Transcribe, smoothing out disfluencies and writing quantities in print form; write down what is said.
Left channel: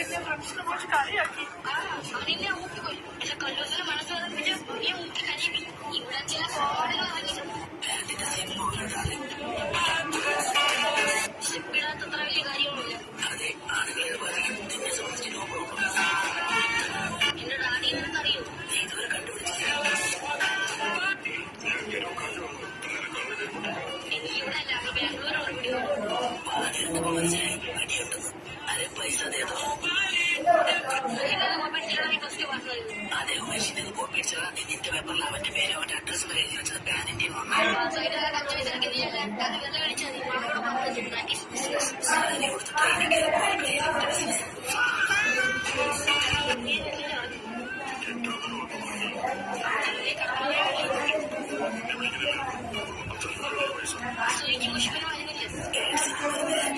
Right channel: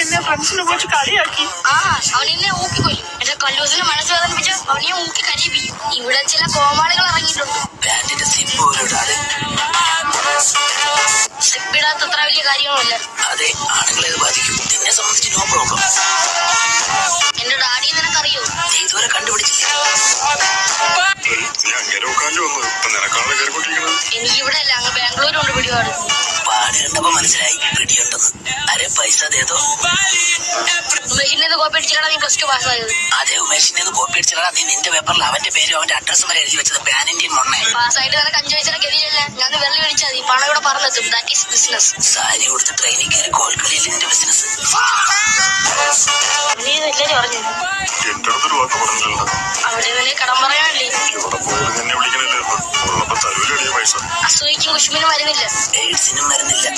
എന്നെ ഫ്രണ്ട്സിനെ കുറിച്ച് കളിയാക്കി. അവനെന്നെ ഊക്കിക്കൊല്ലും. എന്റെ കല്ലൂസിനെ മനസ്സ് വേദനിപ്പിച്ച് അവനെ ഊക്കി കരയിപ്പിക്കും. ഇവിടെ ചില കോമാളികൾ ഇറങ്ങിയിട്ടുണ്ട്. സിപ്പിടാത്തത്ര വലിയ കാര്യങ്ങളല്ല. അതെ, ആണുങ്ങളെ ബാധിക്കും. നിന്നെ സംബന്ധിച്ച് നോ പ്രോബ്ലം. എന്റെ ഡാഡി നിനക്കറിയോ? നീ ഇതുവരെ കണ്ടുപിടിച്ചില്ല. എനിക്കിവിടെ അല്ല, അങ്ങ് ബാംഗ്ലൂരുണ്ട് പിടിപാട്. പാട് കണ്ടപ്പോ മനസ്സിലായി പിടിയുണ്ടെന്ന്. അരെ പൈസ തേതോ. ഉമേഷിന്റെ കോപ്പി അടിച്ചിട്ടാണ് നീ പ്ലസ് ടു പാസ്സായത്. അതെ, ഉമേഷിന്റെ കോപ്പി അടിച്ചിട്ടാ നീ നിന്റെ പേപ്പറിൽ അവന്റെ പേരും അവന്റെ അഡ്രസ്സും വരെ എഴുതി വെച്ചത്. പാനിന്റെയും മൊണ്ണ പാസ്സായിട്ട് നിനക്ക് 5 പൈസ ഗതിയില്ല. ഞാൻ വെള്ളി മേടിച്ചാൽ മതി. പണം ഇവിടെ പറഞ്ഞെത്തും. That is business. സാരി കൊടുത്ത് ട്രെയിനിൽ കയറി കോഴിക്കളിയിൽ നിന്റെ ബിസിനസ്. നീ ഇതല്ലേ പറഞ്ഞു? അവിടെ വലിയ കടം പറയാനല്ലേ? അസൂയിക്കും കുഷ്മിനും മരുന്നില്ല. എയ്ഡ്സിനും മരുന്നില്ല.